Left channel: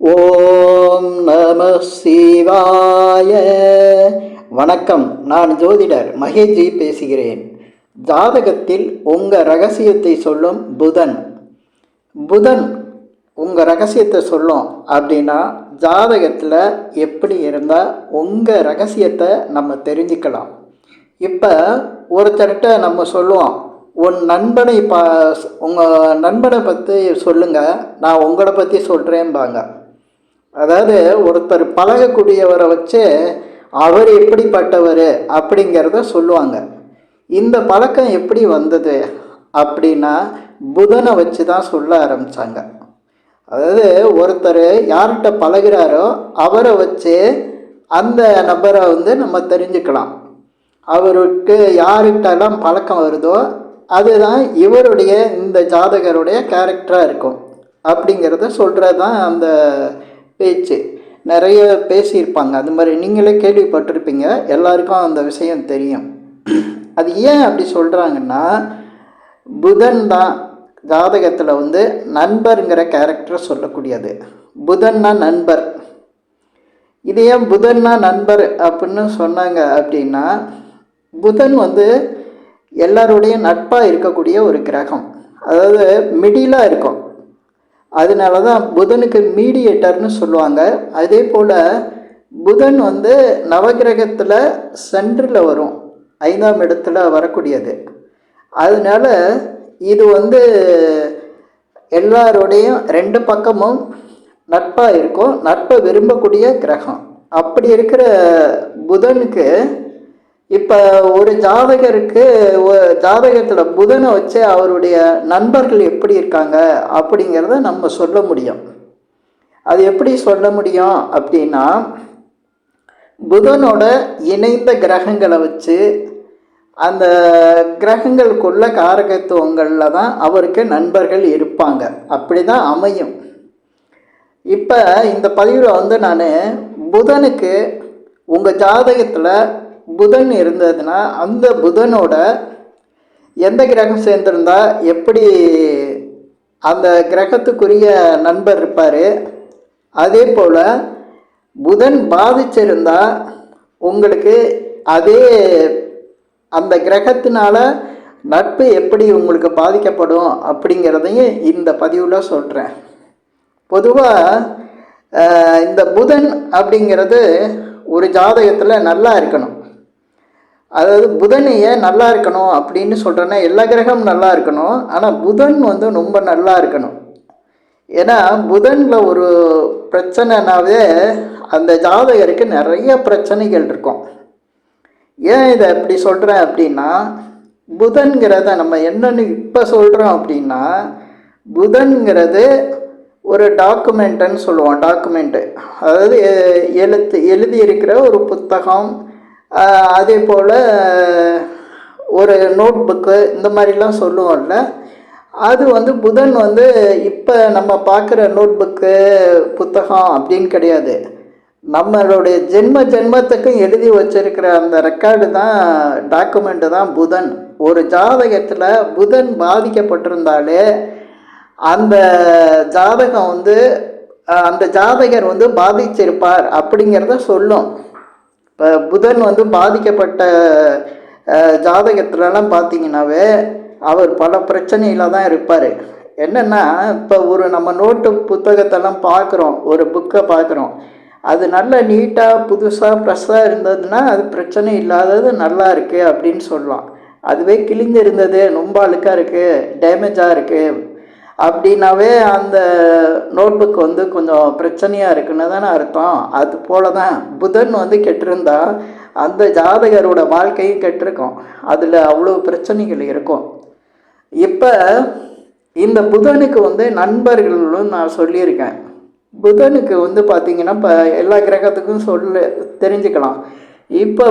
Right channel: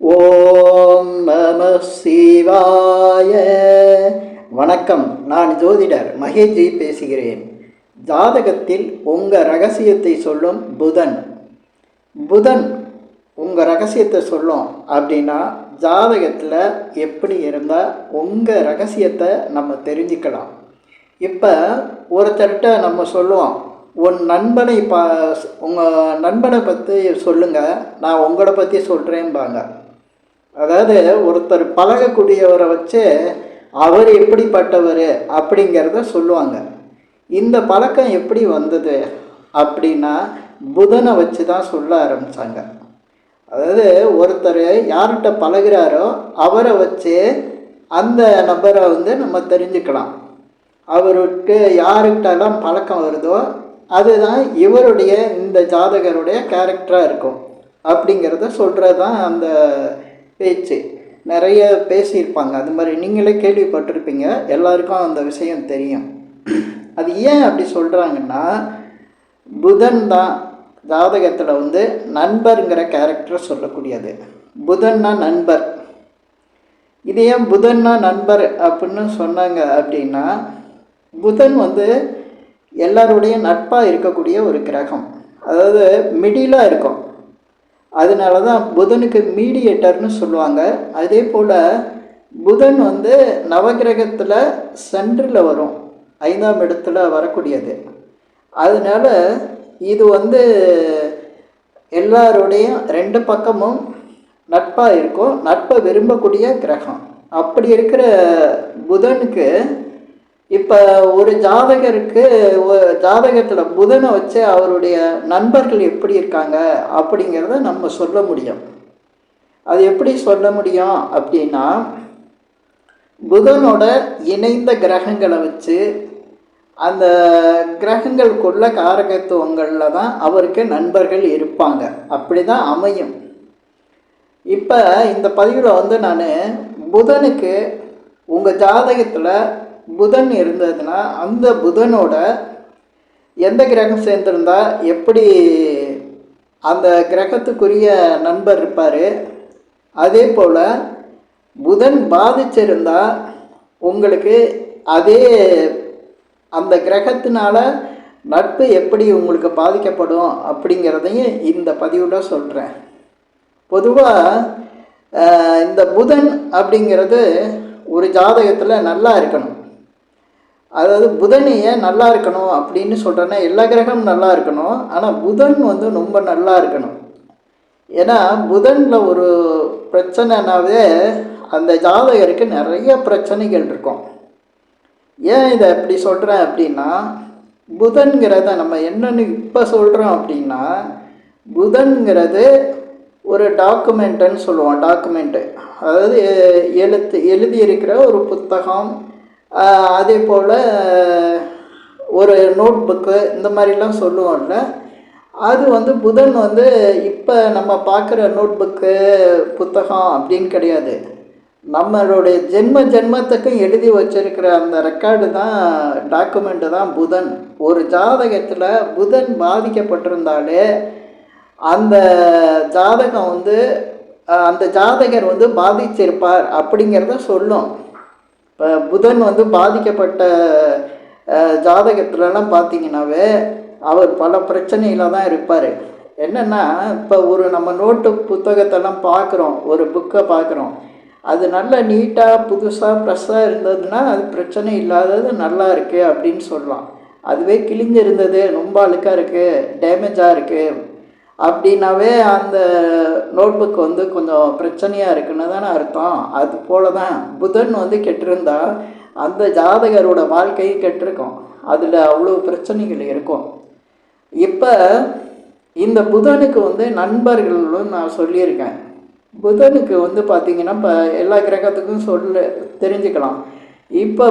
ஓம் நம சிவாய. வணக்கம். நான் ஜோதிடர் மகேஷ்ஜி பேசுகிறேன். ஜாதகத்தில் உங்கள் ரகசியத்தை சொல்லும் புதன் புதன் உங்கள் ரகசியத்தை சொல்லும் அப்படின்னா ஜாதகத்தில் எப்படி இருந்தால் உங்கள் ரகசியத்தை நம்ம தெரிஞ்சுக்கலாம். இப்போ ஒருத்தர்கிட்ட நம்ம சொல்லுவோம், உன் நண்பனை உங்கள் நண்பனை பற்றி சொல்லுங்கள், நான் உங்களை பற்றி சொல்கிறேன்பாங்க. அதாவது ஒருத்தர் பழகக்கூடியவரை வச்சு அவர் எப்படிப்பட்டவர் அப்படிங்கிறத சொல்லுவாங்க. இந்த பழக்கம் எப்படி வந்தது அப்படின்னா புதனை வச்சு தான் சொல்ல ஆரம்பித்தாங்க. அதாவது ஒருத்தர் யார்கிட்ட பழகிறாரோ அவரை வச்சு அந்த நபரை நம்ம தெரிஞ்சுக்கலாம். அவருக்கு யார்கிட்டலாம் பழக்கம் வருதோ அதுதான் இவருடைய இந்த ஜாதகருடைய கேரக்டராக இருக்கும் அப்படிங்கிறத சொல்கிறது தான் அந்த பேச்சு. நிறைய பேசியிருப்பாங்க, அது மாதிரி நீங்களே கேள்விப்பட்டிருப்பீங்க, எல்லாருக்கும் அந்த விஷயம் தெரியும். அது ஏன் அப்படி சொல்கிறாங்கன்னா புதன் தான் ஜாதகத்தில் நண்பருங்கிற கேரக்டரை சொல்லக்கூடியது. புதன்னா நண்பர். இது ஏன் புதன்னா நண்பர் அப்படின்னு சொன்னாங்க அப்படின்னா புதன் எல்லாருடைய நட்பாக இருக்கக்கூடிய ஒரு கிரகம். அதாவது மிடிலாக இருக்கும். அதனால தான் புதனுக்கு மீடியேட்டர்னு சொல்லுவாங்க. அதே போல் புதன் நவகிரகத்தில் சென்டரில் வரும், 5ஆம் இடத்துல வரக்கூடியது. அதனால இது எல்லாரோடையும் 2 பக்கமும் நட்பாக இருக்கும், நட்பை விரும்பக்கூடிய கிரகம். அப்படி இருக்கிற புதனுக்கு இப்போ ஒரு ஜாதகருக்கு ஜாதகத்தில் புதனை வச்சு அவருடைய நண்பர்கள் எப்படி இருக்காங்க அப்படிங்கிறத நம்ம சொல்ல முடியும். அது எப்படி சொல்ல முடியும் அப்படின்னா புதனோட இணைந்த கிரகங்களை வச்சு அந்த கிரகங்களுக்குள்ள காரகத்துவங்களில் தான் அவருக்கு நண்பர்கள் இருப்பாங்க. அப்படி தான் அமையும். இப்போ இந்த பதிவில் நான் புதனுக்கு உங்கள் ஜாதகத்தில் புதன் இருந்ததுன்னா அந்த புதனோட எந்த கிரகம் சேர்ந்திருந்தா எப்படி அந்த கிரகத்துக்குரிய நண்பர் இருப்பார், அதே போல் புதன் பாதிச்சிருந்தா உங்களுக்கு அதே அந்த கிரகத்தினால நட்பு எப்படி உங்களுக்கு பாதிக்கப்படும் அப்படிங்கிறதையும் இந்த பதிவில் சொல்கிறேன். பொதுவாக இந்த புதன் அப்படிங்கிறது ஒரு ஜாதகத்தில் நல்லா இருக்கணும். அதாவது புதனையே நல்லா இருக்கணும் அப்படின்னு சொல்கிறேன்னா எல்லா கிரகமும் நல்லா இருக்கணும், ஆனால் புதன் ரொம்ப நல்லா இருக்கணும். ஏன்னா புதனில் ஒரு பிரச்சனைனாவே அந்த ஜாதகருக்கு நிறைய பிரச்சனைகள் இருக்கும். ஏன் இதை எப்படி சொல்கிறேன் அப்படின்னா புதன்கிறத நம்ம என்னென்னு இப்போ சொல்கிறோம் அப்படின்னா புதன்கிறது ஒரு டாக்குமெண்ட்டுன்னு சொல்லுவோம். டாக்குமெண்ட்டு அதாவது எழுதியிருக்கிற ஒரு புத்தகம், அதே போல் ஒரு நோட் புக்கு, இந்த மாதிரிலாம் சொல்லுவோம்ல. அது புதன் இப்போ நம்ம பார்க்குற நோட் புக்கு புத்தகம் அப்படின்னு கிடையாது. நம்மளுடைய ஜென்மத்துக்கும் எழுதி வச்சிருக்கிற அந்த ரெக்கார்டு தான், டாக்குமெண்ட்டு தான் புதன். ஒரு ஜாதகத்தில் புதன் பாதிக்கப்பட்டிருந்தாலே அந்த ஜாதகம் அந்த ஜாதகர் பாதிச்சிருப்பார் அப்படிங்கிறத சொல்லும். இப்போ புதன் பாதிக்கப்பட்ட ஜாதகத்துலலாம் பார்த்தீங்கன்னாவே அவர் பல பிரச்சனையில் தான் இருப்பார். என்னென்னா இப்போ ஒரு நம்ம நோட்டு புத்தகத்தெல்லாம் பார்க்குறோம், ஒரு புக்கை பார்க்குறோம், அது நல்ல நீட்டாக புதுசாக ஃப்ரெஷ்ஷாக இருந்ததுன்னா அது பிரச்சனை இல்லாதது நல்லா இருக்குது அப்படின்னு சொல்லலாம். அதுவே கிழிஞ்சு இருந்தது, ரொம்ப அழுக்காக இருக்குது, டேமேஜாக இருக்குது அப்படின்னாவே அந்த நோட் புக் கொஞ்சம் பிரச்சனையாக இருக்குன்னு தானே அர்த்தம். அது போல தான் புதன் கெட்டிருந்தா அந்த ஜாதகரோட வாழ்க்கையும் கெட்டிருக்கும், அதில் அவ்வளோ பிரச்சனைகள் இருக்கும். இப்போ இந்த புதனுக்கு நண்பர்களும் நான் சொல்லியிருக்கேன். புதனுக்கு பார்த்திங்கன்னா இப்போ எல்லா கிரகத்துக்கும் தெரிஞ்சுக்கலாம். இப்போ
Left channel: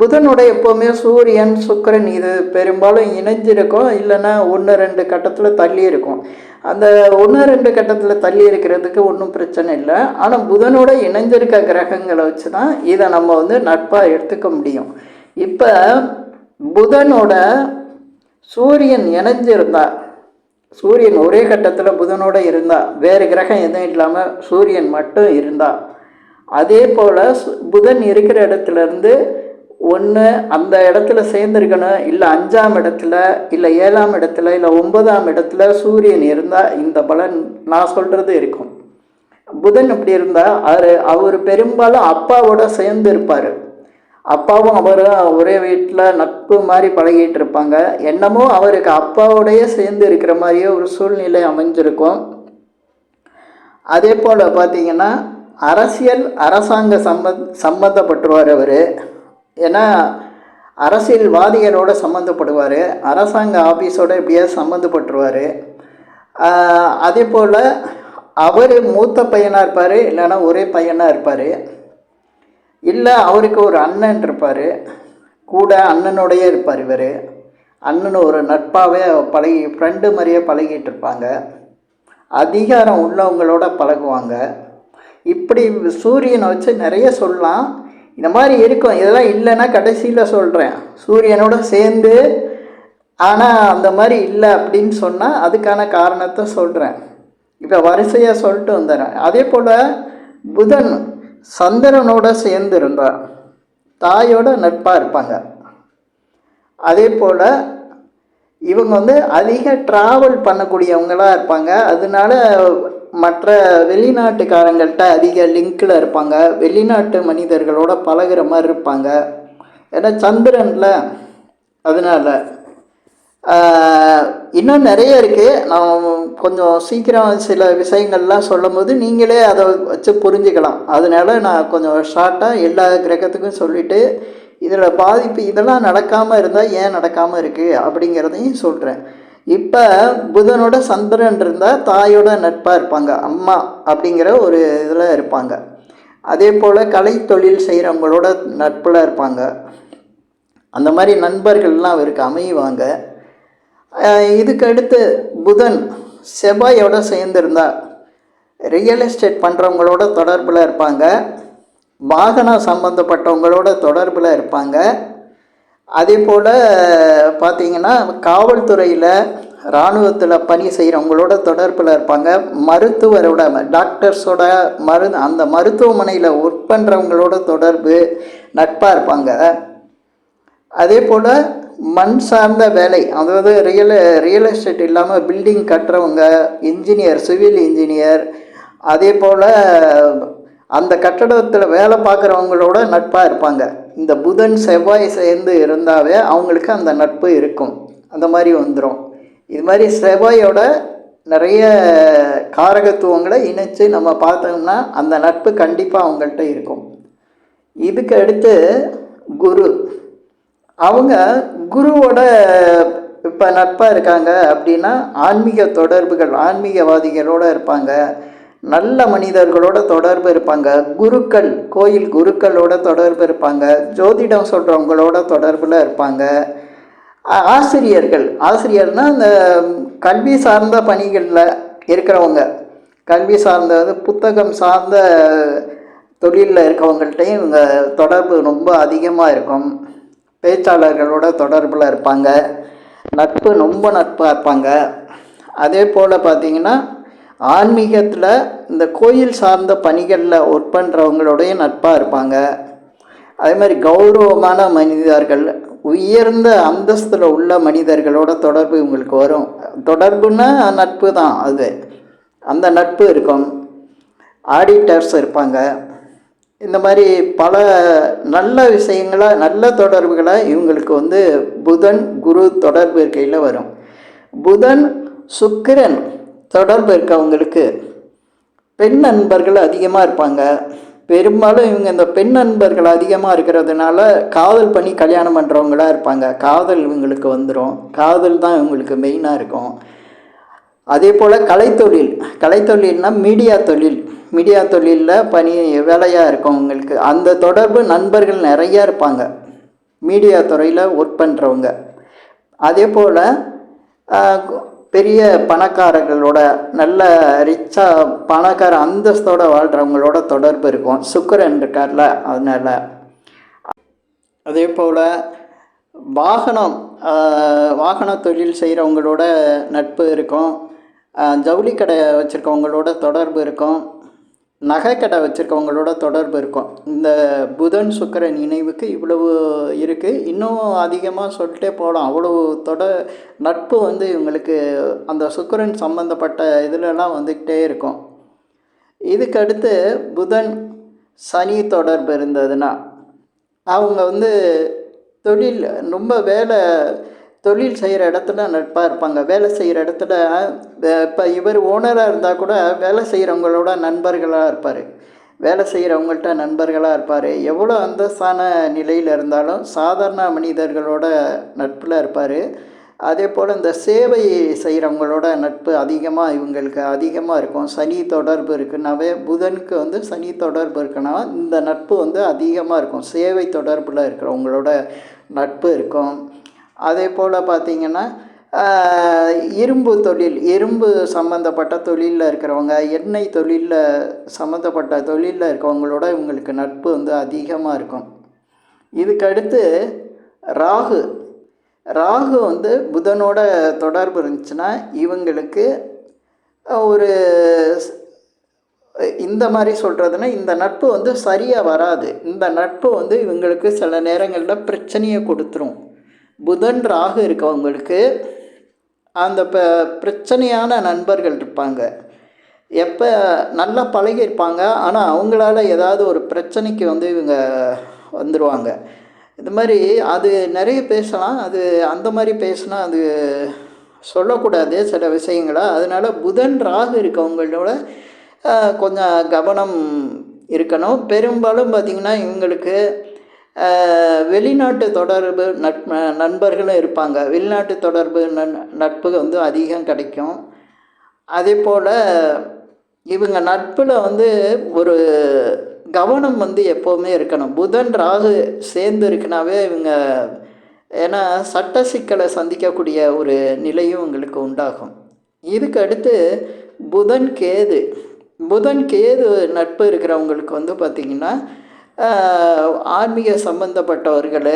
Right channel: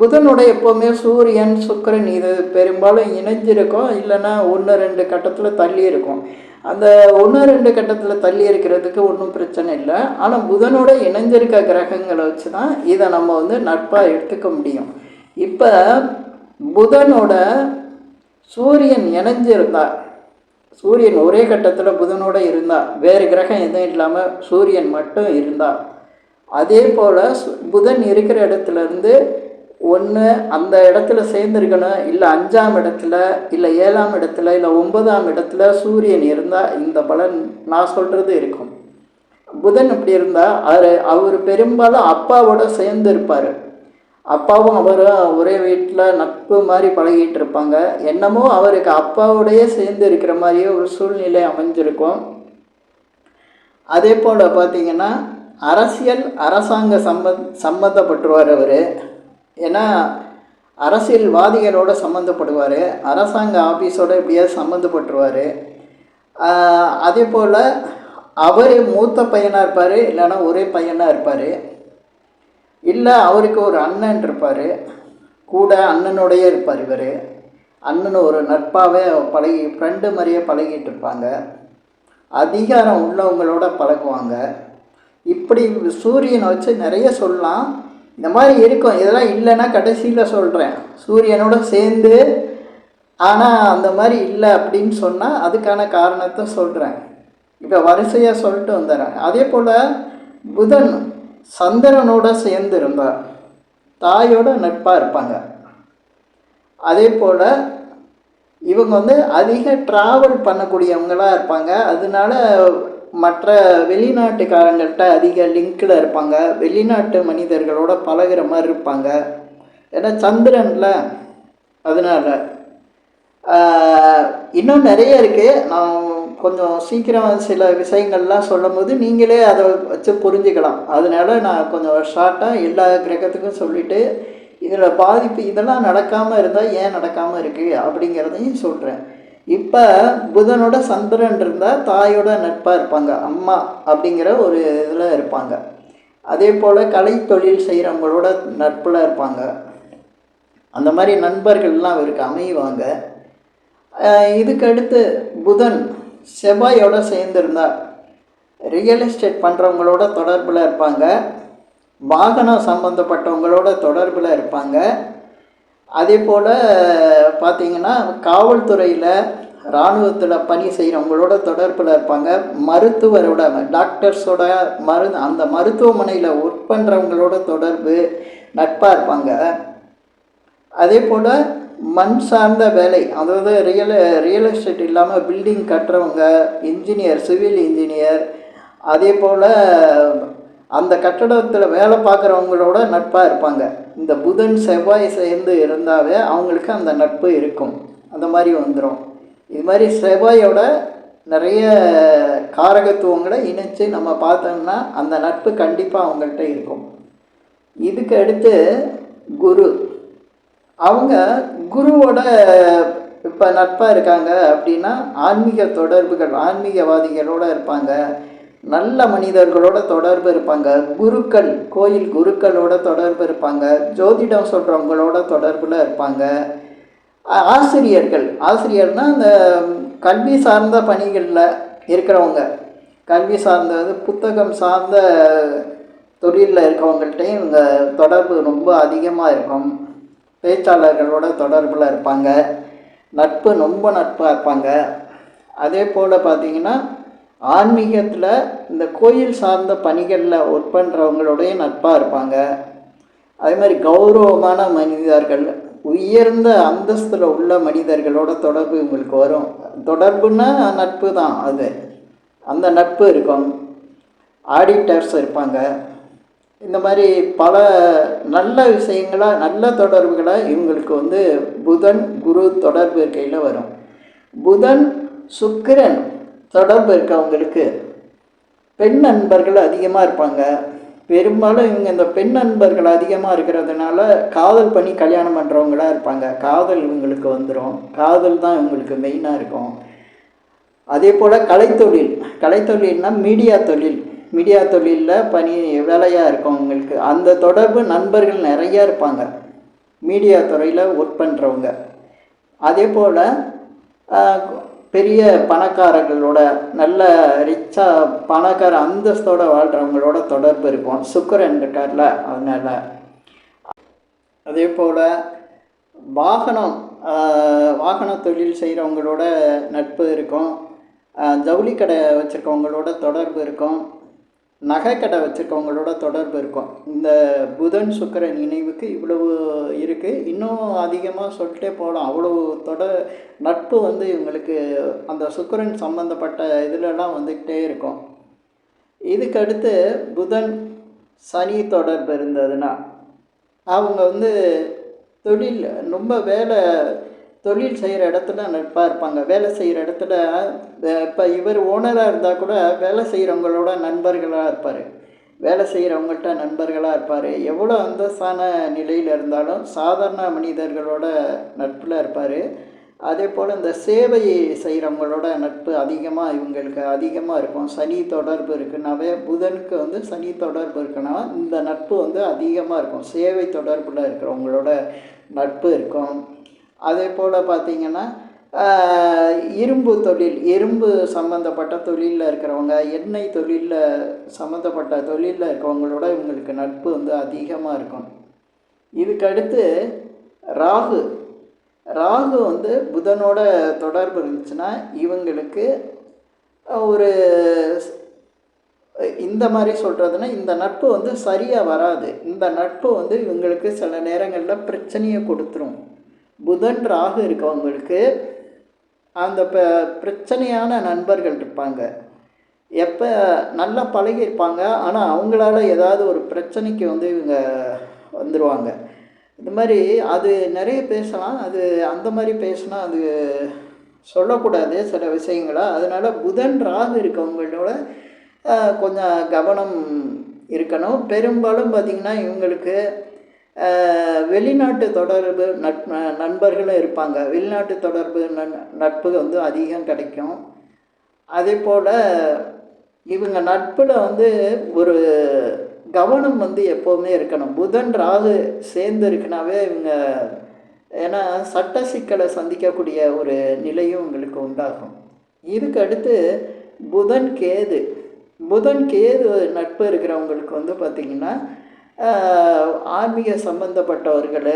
புதனோட எப்போவுமே சூரியன் சுக்கிரன் இது பெரும்பாலும் இணைஞ்சிருக்கும், இல்லைன்னா 1-2 கட்டத்தில் தள்ளி இருக்கும். அந்த 1-2 கட்டத்தில் தள்ளி இருக்கிறதுக்கு ஒன்றும் பிரச்சனை இல்லை. ஆனால் புதனோட இணைஞ்சிருக்க கிரகங்களை வச்சு தான் இதை நம்ம நட்பாக எடுத்துக்க முடியும். இப்போ புதனோட சூரியன் இணைஞ்சிருந்தா சூரியன் ஒரே கட்டத்தில் புதனோடு இருந்தால், வேறு கிரகம் எதுவும் இல்லாமல் சூரியன் மட்டும் இருந்தால், அதே போல் புதன் இருக்கிற இடத்துலேருந்து ஒன்று அந்த இடத்துல சேர்ந்துருக்கணும், இல்லை 5ஆம் இடத்துல, இல்லை 7ஆம் இடத்துல, இல்லை 9ஆம் இடத்துல சூரியன் இருந்தால் இந்த பலன் நான் சொல்கிறது இருக்கும். புதன் இப்படி இருந்தால் அவர் பெரும்பாலும் அப்பாவோட சேர்ந்து இருப்பார். அப்பாவும் அவரும் ஒரே வீட்டில் நட்பு மாதிரி பழகிட்டு இருப்பாங்க. என்னமோ அவருக்கு அப்பாவோடையே சேர்ந்து இருக்கிற மாதிரியே ஒரு சூழ்நிலை அமைஞ்சிருக்கும். அதே போல் பார்த்திங்கன்னா அரசாங்க சம்மந்தப்பட்டுருவார் அவர். ஏன்னா அரசியல்வாதிகளோடு சம்மந்தப்படுவார், அரசாங்க ஆஃபீஸோடு எப்படியாவது சம்மந்தப்பட்டுருவார். அதே போல் அவர் மூத்த பையனாக இருப்பார், இல்லைன்னா ஒரே பையனாக இருப்பார், இல்லை அவருக்கு ஒரு அண்ணன் இருப்பார், கூட அண்ணனோடையே இருப்பார். இவர் அண்ணன் ஒரு நட்பாகவே ஃப்ரெண்டு மாதிரியே பழகிட்டு இருப்பாங்க. அதிகாரம் உள்ளவங்களோட பழகுவாங்க. இப்படி சூரியனை வச்சு நிறைய சொல்லலாம். இந்த மாதிரி இருக்கும். இதெல்லாம் இல்லைன்னா கடைசியில் சொல்கிறேன், சூரியனோட சேர்ந்து ஆனால் அந்த மாதிரி இல்லை அப்படின்னு சொன்னால் அதுக்கான காரணத்தை சொல்கிறேன். இப்போ வரிசையாக சொல்லிட்டு வந்துடுறேன். அதே போல் புதன் சந்திரனோட சேர்ந்து இருந்தார், தாயோட நட்பாக இருப்பாங்க. அதே போல் இவங்க அதிக ட்ராவல் பண்ணக்கூடியவங்களாக இருப்பாங்க. அதனால மற்ற வெளிநாட்டுக்காரங்கள்ட்ட அதிக லிங்கில் இருப்பாங்க, வெளிநாட்டு மனிதர்களோட பழகிற மாதிரி இருப்பாங்க. ஏன்னா சந்திரனில். அதனால் இன்னும் நிறைய இருக்குது. நான் கொஞ்சம் சீக்கிரம் சில விஷயங்கள்லாம் சொல்லும் போது நீங்களே அதை வச்சு புரிஞ்சுக்கலாம். அதனால் நான் கொஞ்சம் ஷார்ட்டாக எல்லா கிரகத்துக்கும் சொல்லிவிட்டு இதில் பாதிப்பு இதெல்லாம் நடக்காமல் இருந்தால் ஏன் நடக்காமல் இருக்குது அப்படிங்கிறதையும் சொல்கிறேன். இப்போ புதனோட சந்திரன் இருந்தால் தாயோட நட்பாக இருப்பாங்க, அம்மா அப்படிங்கிற ஒரு இதில் இருப்பாங்க. அதே போல் கலை தொழில் செய்கிறவங்களோட நட்பில் இருப்பாங்க. அந்த மாதிரி நண்பர்கள்லாம் அவருக்கு அமைவாங்க. இதுக்கு அடுத்து புதன் செவ்வாயோட சேர்ந்துருந்தால் ரியல் எஸ்டேட் பண்ணுறவங்களோட தொடர்பில் இருப்பாங்க, வாகனம் சம்மந்தப்பட்டவங்களோட தொடர்பில் இருப்பாங்க. அதே போல் பார்த்திங்கன்னா காவல்துறையில் இராணுவத்தில் பணி செய்கிறவங்களோட தொடர்பில் இருப்பாங்க, மருத்துவரோட டாக்டர்ஸோட அந்த மருத்துவமனையில் ஒர்க் பண்ணுறவங்களோட தொடர்பு நட்பாக இருப்பாங்க. அதே போல் மண் சார்ந்த வேலை, அதாவது ரியல் எஸ்டேட் இல்லாமல் பில்டிங் கட்டுறவங்க, இன்ஜினியர், சிவில் இன்ஜினியர், அதே போல் அந்த கட்டடத்தில் வேலை பார்க்குறவங்களோட நட்பாக இருப்பாங்க. இந்த புதன் செவ்வாய் சேர்ந்து இருந்தாவே அவங்களுக்கு அந்த நட்பு இருக்கும். அந்த மாதிரி வந்துடும். இது மாதிரி செவ்வாயோட நிறைய காரகத்துவங்களை இணைச்சு நம்ம பார்த்தோம்னா அந்த நட்பு கண்டிப்பாக அவங்கள்ட்ட இருக்கும். இதுக்கு அடுத்து குரு. அவங்க குருவோட இப்போ நட்பாக இருக்காங்க அப்படின்னா ஆன்மீக தொடர்புகள், ஆன்மீகவாதிகளோடு இருப்பாங்க, நல்ல மனிதர்களோட தொடர்பு இருப்பாங்க, குருக்கள், கோயில் குருக்களோட தொடர்பு இருப்பாங்க, ஜோதிடம் சொல்கிறவங்களோட தொடர்பில் இருப்பாங்க, ஆசிரியர்னால் அந்த கல்வி சார்ந்த பணிகளில் இருக்கிறவங்க, கல்வி சார்ந்தது புத்தகம் சார்ந்த தொழிலில் இருக்கவங்கள்ட்டையும் இவங்க தொடர்பு ரொம்ப அதிகமாக இருக்கும். பேச்சாளர்களோட தொடர்பில் இருப்பாங்க, ரொம்ப நட்பாக இருப்பாங்க. அதே போல் பார்த்திங்கன்னா ஆன்மீகத்தில் இந்த கோயில் சார்ந்த பணிகளில் ஒர்க் பண்ணுறவங்களோடைய நட்பாக இருப்பாங்க. அதே மாதிரி கௌரவமான மனிதர்கள், உயர்ந்த அந்தஸ்தில் உள்ள மனிதர்களோட தொடர்பு இவங்களுக்கு வரும். தொடர்புன்னா நட்பு தான், அது அந்த நட்பு இருக்கும். ஆடிட்டர்ஸ் இருப்பாங்க. இந்த மாதிரி பல நல்ல விஷயங்களை, நல்ல தொடர்புகளை இவங்களுக்கு புதன் குரு தொடர்பு இருக்கையில் வரும். புதன் சுக்கிரன் தொடர்பு இருக்கவங்களுக்கு பெண் நண்பர்கள் அதிகமாக இருப்பாங்க. பெரும்பாலும் இவங்க இந்த பெண் நண்பர்கள் அதிகமாக இருக்கிறதுனால காதல் பண்ணி கல்யாணம் பண்ணுறவங்களாக இருப்பாங்க. காதல் இவங்களுக்கு வந்துடும். காதல் தான் இவங்களுக்கு மெயினாக இருக்கும். அதே போல் கலைத்தொழில்னால் மீடியா தொழிலில் வேலையாக இருக்கும் அவங்களுக்கு. அந்த தொடர்பு நண்பர்கள் நிறையா இருப்பாங்க, மீடியா துறையில் ஒர்க் பண்ணுறவங்க. அதே போல் பெரிய பணக்காரர்களோட, நல்ல ரிச்சாக பணக்கார அந்தஸ்தோடு வாழ்கிறவங்களோட தொடர்பு இருக்கும். சுக்கிரன் இருக்கார்ல, அதனால். அதே போல் வாகன தொழில் செய்கிறவங்களோட நட்பு இருக்கும். ஜவுளி கடை வச்சுருக்கவங்களோட தொடர்பு இருக்கும், நகை கடை வச்சுருக்கவங்களோட தொடர்பு இருக்கும். இந்த புதன் சுக்கிரன் இணைவுக்கு இவ்வளவு இருக்குது. இன்னும் அதிகமாக சொல்லிட்டே போகலாம். அவ்வளவு நட்பு வந்து இவங்களுக்கு அந்த சுக்கிரன் சம்மந்தப்பட்ட இதிலெல்லாம் வந்துக்கிட்டே இருக்கும். இதுக்கடுத்து புதன் சனி தொடர்பு இருந்ததுன்னா அவங்க வந்து தொழில் ரொம்ப தொழில் செய்கிற இடத்துல நட்பாக இருப்பாங்க. வேலை செய்கிற இடத்துல இப்போ இவர் ஓனராக இருந்தால் கூட வேலை செய்கிறவங்களோட நண்பர்களாக இருப்பார். வேலை செய்கிறவங்கள்ட்ட நண்பர்களாக இருப்பார். எவ்வளோ அந்தஸ்தான நிலையில் இருந்தாலும் சாதாரண மனிதர்களோட நட்பில் இருப்பார். அதே போல் இந்த சேவை செய்கிறவங்களோட நட்பு இவங்களுக்கு அதிகமாக இருக்கும். சனி தொடர்பு இருக்குன்னாவே, புதனுக்கு வந்து சனி தொடர்பு இருக்குன்னா இந்த நட்பு வந்து அதிகமாக இருக்கும். சேவை தொடர்பில் இருக்கிறவங்களோட நட்பு இருக்கும். அதே போல் பார்த்திங்கன்னா இரும்பு சம்மந்தப்பட்ட தொழிலில் இருக்கிறவங்க, எண்ணெய் தொழிலில் சம்மந்தப்பட்ட தொழிலில் இருக்கிறவங்களோட இவங்களுக்கு நட்பு வந்து அதிகமாக இருக்கும். இதுக்கடுத்து ராகு வந்து புதனோட தொடர்பு இருந்துச்சுன்னா இவங்களுக்கு ஒரு இந்த மாதிரி சொல்கிறதுனா, இந்த நட்பு வந்து சரியாக வராது. இந்த நட்பு வந்து இவங்களுக்கு சில நேரங்களில் பிரச்சனையை கொடுத்துரும். புதன் ராகு இருக்கவங்களுக்கு அந்த பிரச்சனையான நண்பர்கள் இருப்பாங்க. எப்போ நல்லா பழகியிருப்பாங்க, ஆனால் அவங்களால ஏதாவது ஒரு பிரச்சனைக்கு வந்து இவங்க வந்துடுவாங்க. இது மாதிரி அது நிறைய பேசலாம். அது அந்த மாதிரி பேசினா அது சொல்லக்கூடாது சில விஷயங்களை. அதனால் புதன் ராகு இருக்கவங்களோட கொஞ்சம் கவனம் இருக்கணும். பெரும்பாலும் பார்த்திங்கன்னா இவங்களுக்கு வெளிநாட்டு தொடர்பு நண்பர்களும் இருப்பாங்க. வெளிநாட்டு தொடர்பு நட்பு வந்து அதிகம் கிடைக்கும். அதே போல் இவங்க நட்பில் வந்து ஒரு கவனம் வந்து எப்போவுமே இருக்கணும். புதன் ராகு சேர்ந்து இருக்குனாவே இவங்க ஏன்னா சட்ட சிக்கலை சந்திக்கக்கூடிய ஒரு நிலையும் உங்களுக்கு உண்டாகும். இதுக்கு அடுத்து புதன் கேது நட்பு இருக்கிறவங்களுக்கு வந்து பார்த்திங்கன்னா ஆன்மீக சம்பந்தப்பட்டவர்கள்,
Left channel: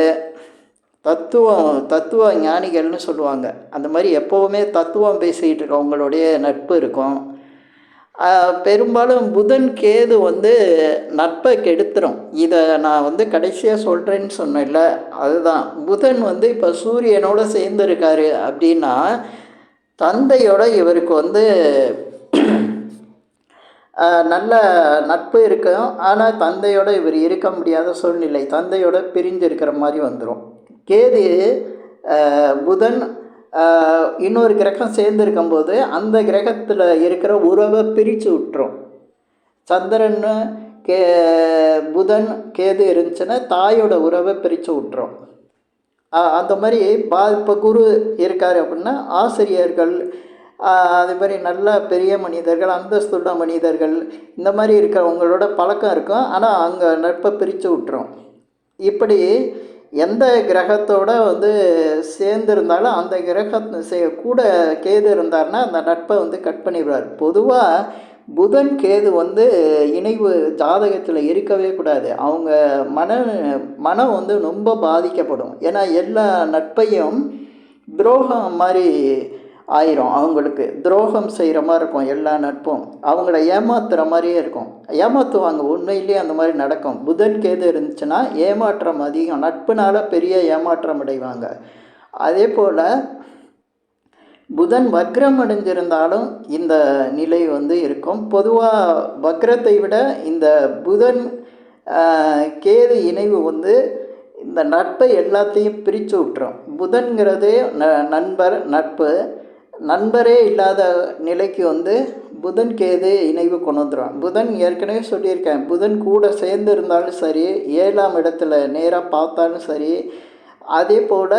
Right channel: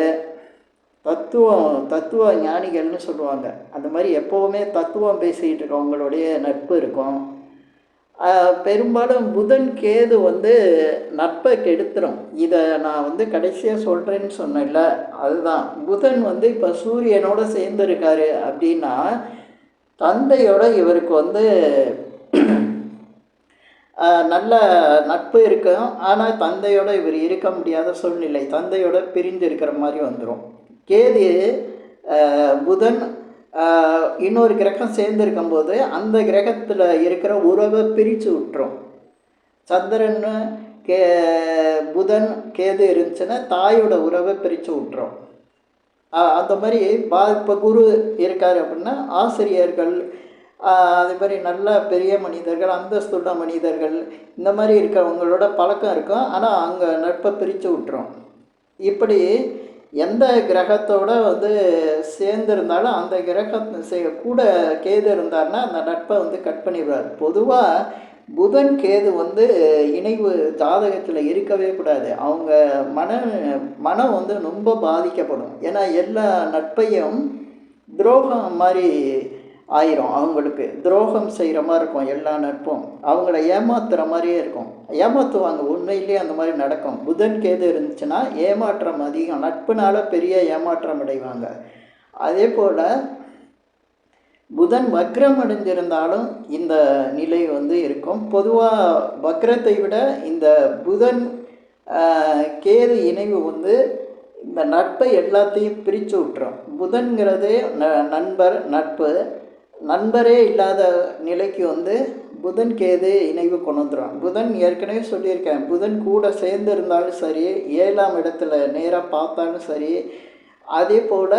தத்துவ ஞானிகள்னு சொல்லுவாங்க. அந்த மாதிரி எப்போவுமே தத்துவம் பேசிகிட்டு இருக்கவங்களுடைய நட்பு இருக்கும். பெரும்பாலும் புதன் கேது வந்து நட்பை கெடுத்துரும். இதை நான் வந்து கடைசியாக சொல்கிறேன்னு சொன்னேன்ல, அதுதான். புதன் வந்து இப்போ சூரியனோட சேர்ந்துருக்காரு அப்படின்னா தந்தையோட இவருக்கு வந்து நல்ல நட்பு இருக்கும். ஆனால் தந்தையோட இவர் இருக்க முடியாத சூழ்நிலை, தந்தையோட பிரிந்து இருக்கிற மாதிரி வந்துடும். கேது புதன் இன்னொரு கிரகம் சேர்ந்துருக்கும்போது அந்த கிரகத்தில் இருக்கிற உறவை பிரித்து விட்டுரும். சந்திரன் புதன் கேது இருந்துச்சுன்னா தாயோட உறவை பிரித்து விட்டுரும். அந்த மாதிரி இப்போ குரு இருக்கார் அப்படின்னா ஆசிரியர்கள், அதே மாதிரி நல்ல பெரிய மனிதர்கள், அந்தஸ்துள்ள மனிதர்கள், இந்த மாதிரி இருக்கிறவங்களோட பழக்கம் இருக்கும். ஆனால் அங்கே நட்பை பிரித்து விட்டுரும். இப்படி எந்த கிரகத்தோடு வந்து சேர்ந்துருந்தாலும் அந்த கூட கேது இருந்தார்னா அந்த நட்பை வந்து கட் பண்ணிடுவார். பொதுவாக புதன் கேது வந்து இணைவு ஜாதகத்தில் இருக்கவே கூடாது. அவங்க மனம் வந்து ரொம்ப பாதிக்கப்படும். ஏன்னா எல்லா நட்பையும் துரோகம் மாதிரி ஆயிரும். அவங்களுக்கு துரோகம் செய்கிற மாதிரி இருக்கும். எல்லா நட்பும் அவங்கள ஏமாத்துகிற மாதிரியே இருக்கும். ஏமாற்றுவாங்க. உண்மையிலேயே அந்த மாதிரி நடக்கும். புதன் கேது இருந்துச்சுன்னா ஏமாற்றம் அதிகம். நட்புனால பெரிய ஏமாற்றம் அடைவாங்க. அதே போல் புதன் வக்ரம் அடைஞ்சிருந்தாலும் இந்த நிலை வந்து இருக்கும். பொதுவாக வக்ரத்தை விட இந்த புதன் கேது இணைவு வந்து இந்த நட்பை எல்லாத்தையும் பிரித்து விட்டுரும். புதன்கிறது நண்பரே இல்லாத நிலைக்கு வந்து புதன் கேது இணைவு கொண்டு வந்துடும். புதன் ஏற்கனவே சொல்லியிருக்கேன், புதன் கூட சேர்ந்து இருந்தாலும் சரி, 7ஆம் இடத்துல நேராக பார்த்தாலும் சரி, அதே போல்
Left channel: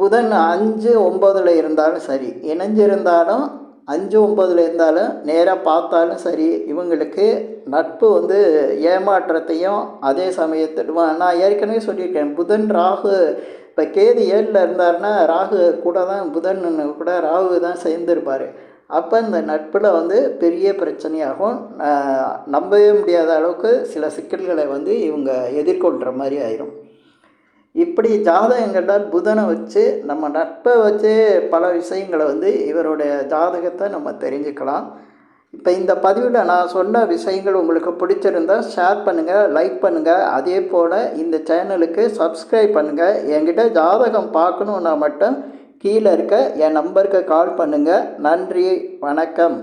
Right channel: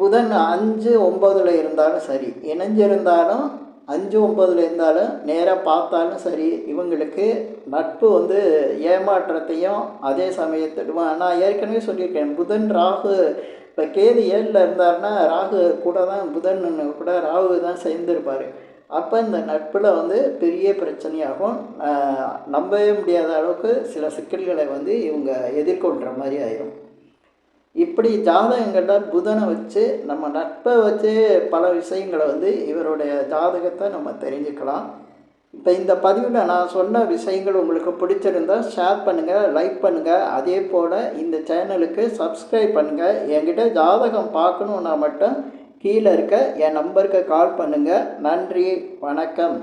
புதன் 5-9 இருந்தாலும் சரி, இணைஞ்சிருந்தாலும் 5-9 இருந்தாலும் நேராக பார்த்தாலும் சரி, இவங்களுக்கு நட்பு வந்து ஏமாற்றத்தையும் அதே சமயத்தில் நான் ஏற்கனவே சொல்லியிருக்கேன். புதன் ராகு இப்போ கேது 7ல் இருந்தார்னா ராகு கூட தான் புதன் கூட ராகு தான் சேர்ந்துருப்பார். அப்போ இந்த நட்பில் வந்து பெரிய பிரச்சனையாகும். நம்பவே முடியாத அளவுக்கு சில சிக்கல்களை வந்து இவங்க எதிர்கொள்கிற மாதிரி ஆயிரும். இப்படி ஜாதகங்களில் புதனை வச்சு நம்ம நட்பை வச்சு பல விஷயங்களை வந்து இவருடைய ஜாதகத்தை நம்ம தெரிஞ்சுக்கலாம். இப்போ இந்த பதிவில் நான் சொன்ன விஷயங்கள் உங்களுக்கு பிடிச்சிருந்தா ஷேர் பண்ணுங்கள், லைக் பண்ணுங்கள். அதே போல் இந்த சேனலுக்கு சப்ஸ்கிரைப் பண்ணுங்கள். என்கிட்ட ஜாதகம் பார்க்கணுன்னா மட்டும் கீழே இருக்க என் நம்பருக்கு கால் பண்ணுங்கள். நன்றி, வணக்கம்.